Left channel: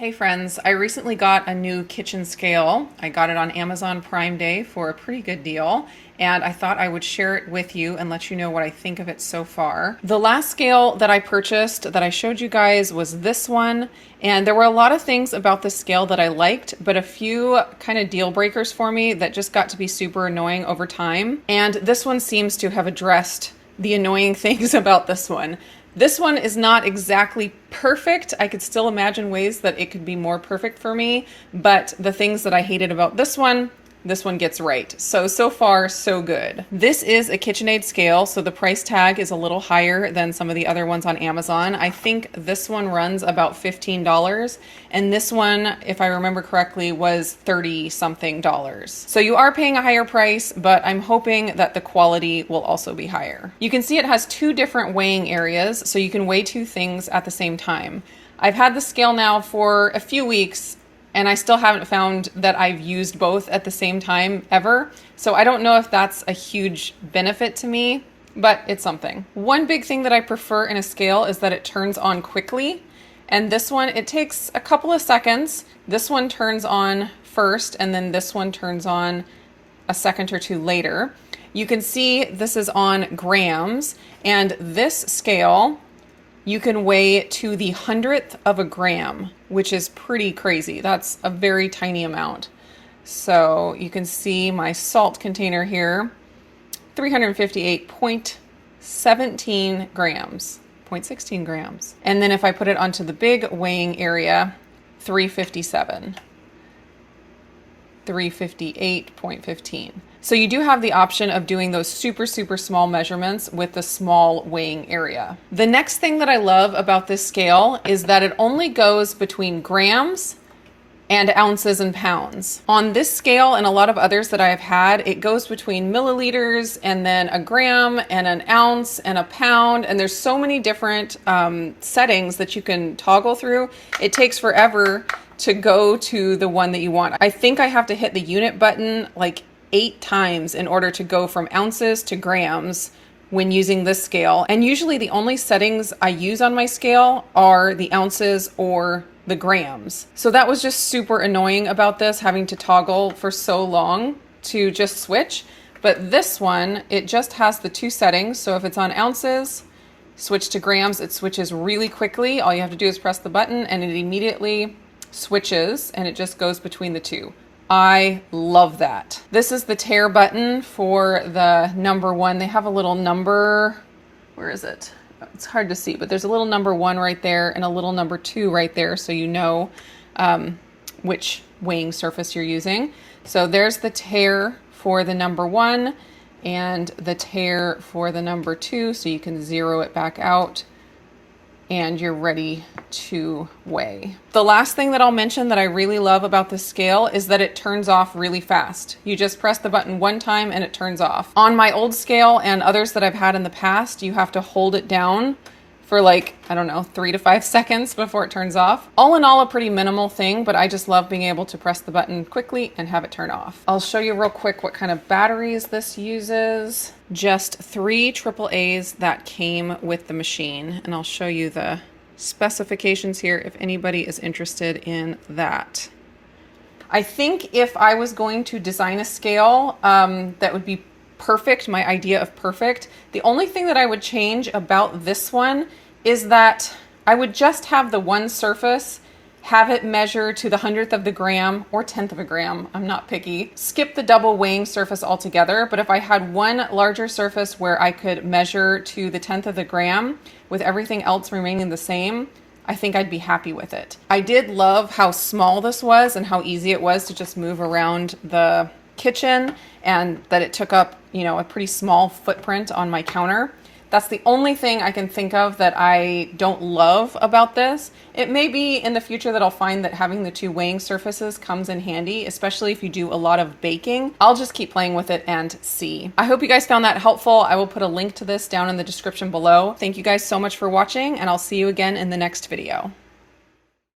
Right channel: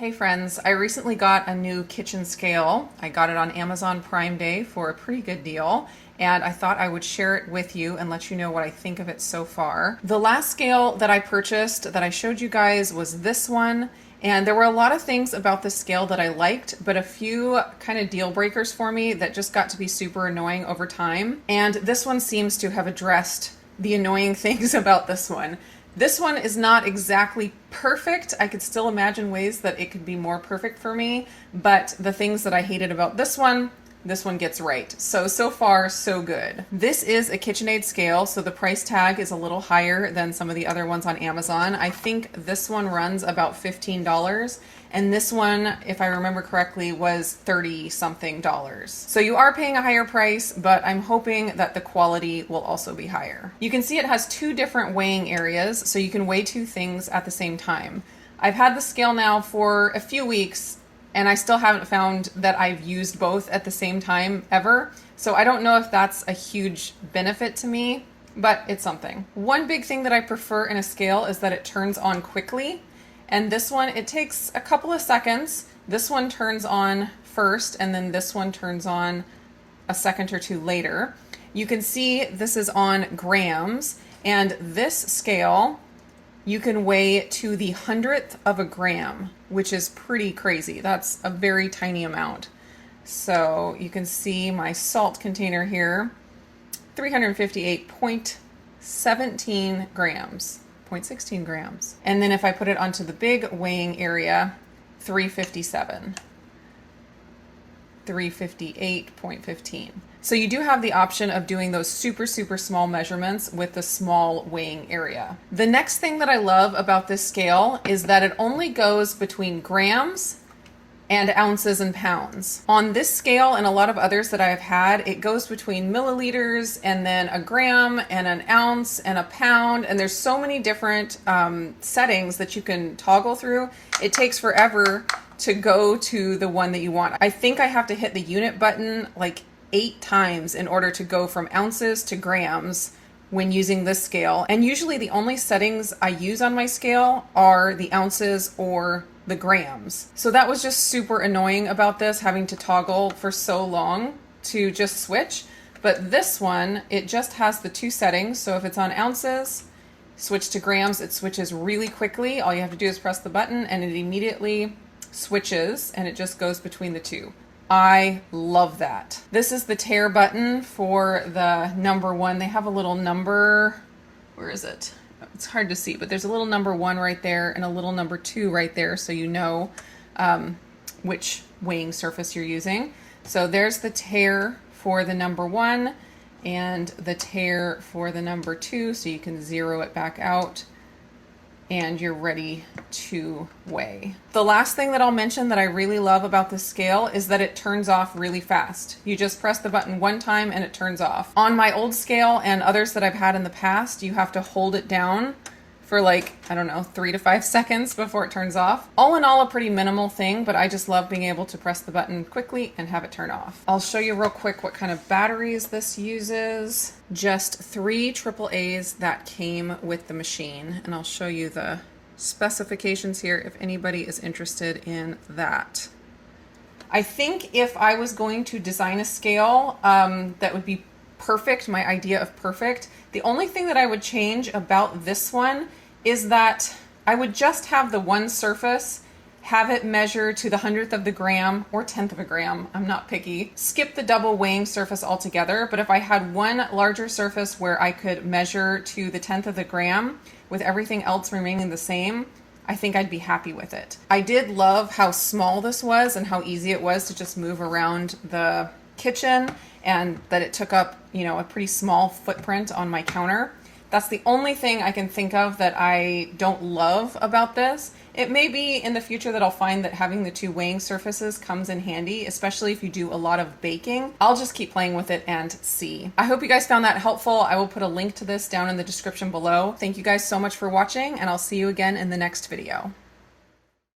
Hey friends, I recently got a new kitchen scale. I got it on Amazon Prime Day for a pretty good deal, and I thought I would share it with you and let you know what I think of it so far. The last scale that I purchased that I showed you guys was this one, and there were a lot of things about this scale that I liked, but a few kind of deal breakers for me that just got to be super annoying over time. And this one seems to have addressed the annoying things about this one. This one is not exactly perfect. I could still imagine ways that it could be more perfect for me, but the things that I hated about this one gets right. So far, so good. This is a KitchenAid scale, so the price tag is a little higher than some of the other ones on Amazon. I think this one runs about $15, and this one, if I remember correctly, was $30-something. So you are paying a higher price, but I'm hoping that the quality will also be higher. You can see it has two different weighing areas, so you can weigh two things at the same time. I've had the scale now for a few weeks, and I still haven't found that I've used both at the same time ever. So I don't know if that's a huge benefit to me, but it's something. One big thing that I prefer in a scale is that it turns on quickly. And this one, it takes a couple of seconds. This one turns on first, and then this one turns on a second or two later. You can see this is on grams, and this scale, you can weigh to the 100th of a gram, which is pretty crazy. That's a very tiny amount. So you can see my salt container here, 358.17 grams, 0.16 grams. And then if I put it onto the big weighing area, 357. 358.15. So you do have the option of doing those super small measurements with the small weighing area. The next thing that I love about this scale is that it only goes between grams and ounces and pounds. On this scale and a lot of others that I've had, it goes between milliliters and then a gram and an ounce and a pound, and there's so many different settings that you can toggle through. It takes forever to go to the one that you want. I think I have to hit the unit button like 8 times in order to go from ounces to grams when using this scale. And usually the only settings I use on my scale are the ounces or the grams. So that was just super annoying about this, having to toggle for so long to just switch. But this one, it just has the two settings. So if it's on ounces, switch to grams, it switches really quickly. All you have to do is press the button and it immediately switches, and it just goes between the two. I love that. This is the tare button for the number one. They have a little number, where is it? It's hard to see, but there's a little number 1 right there and a little number 2 right there, so you know which weighing surface you're using. So there's the tare for the number 1 and the tare for the number 2, so you can zero it back out and you're ready to weigh. The last thing that I'll mention that I really love about this scale is that it turns off really fast. You just press the button one time and it turns off. On my old scale and others that I've had in the past, you have to hold it down for like, I don't know, 3 to 5 seconds before it turns off. All in all, a pretty minimal thing, but I just love being able to press the button quickly and have it turn off. I'll show you real quick what kind of batteries this uses. Just 3 AAAs that came with the machine, and I'll show you the specifications here if anybody is interested in that. I think if I was going to design a scale that would be perfect, my idea of perfect, the only thing that I would change about this one is that I would just have the one surface, have it measure to the 100th of the gram or 10th of a gram. I'm not picky. Skip the double weighing surface altogether, but if I had one larger surface where I could measure to the 10th of the gram with everything else remaining the same, I think I'd be happy with it. I did love how small this was and how easy it was to just move around the kitchen, and that it took up, you know, a pretty small footprint on my counter. That's the only thing I can think of that I don't love about this. It may be in the future that I'll find that having the 2 weighing surfaces comes in handy, especially if you do a lot of baking. I'll just keep playing with it and see. I hope you guys found that helpful. I will put a link to this down in the description below. Thank you guys so much for watching, and I'll see you again in the next video.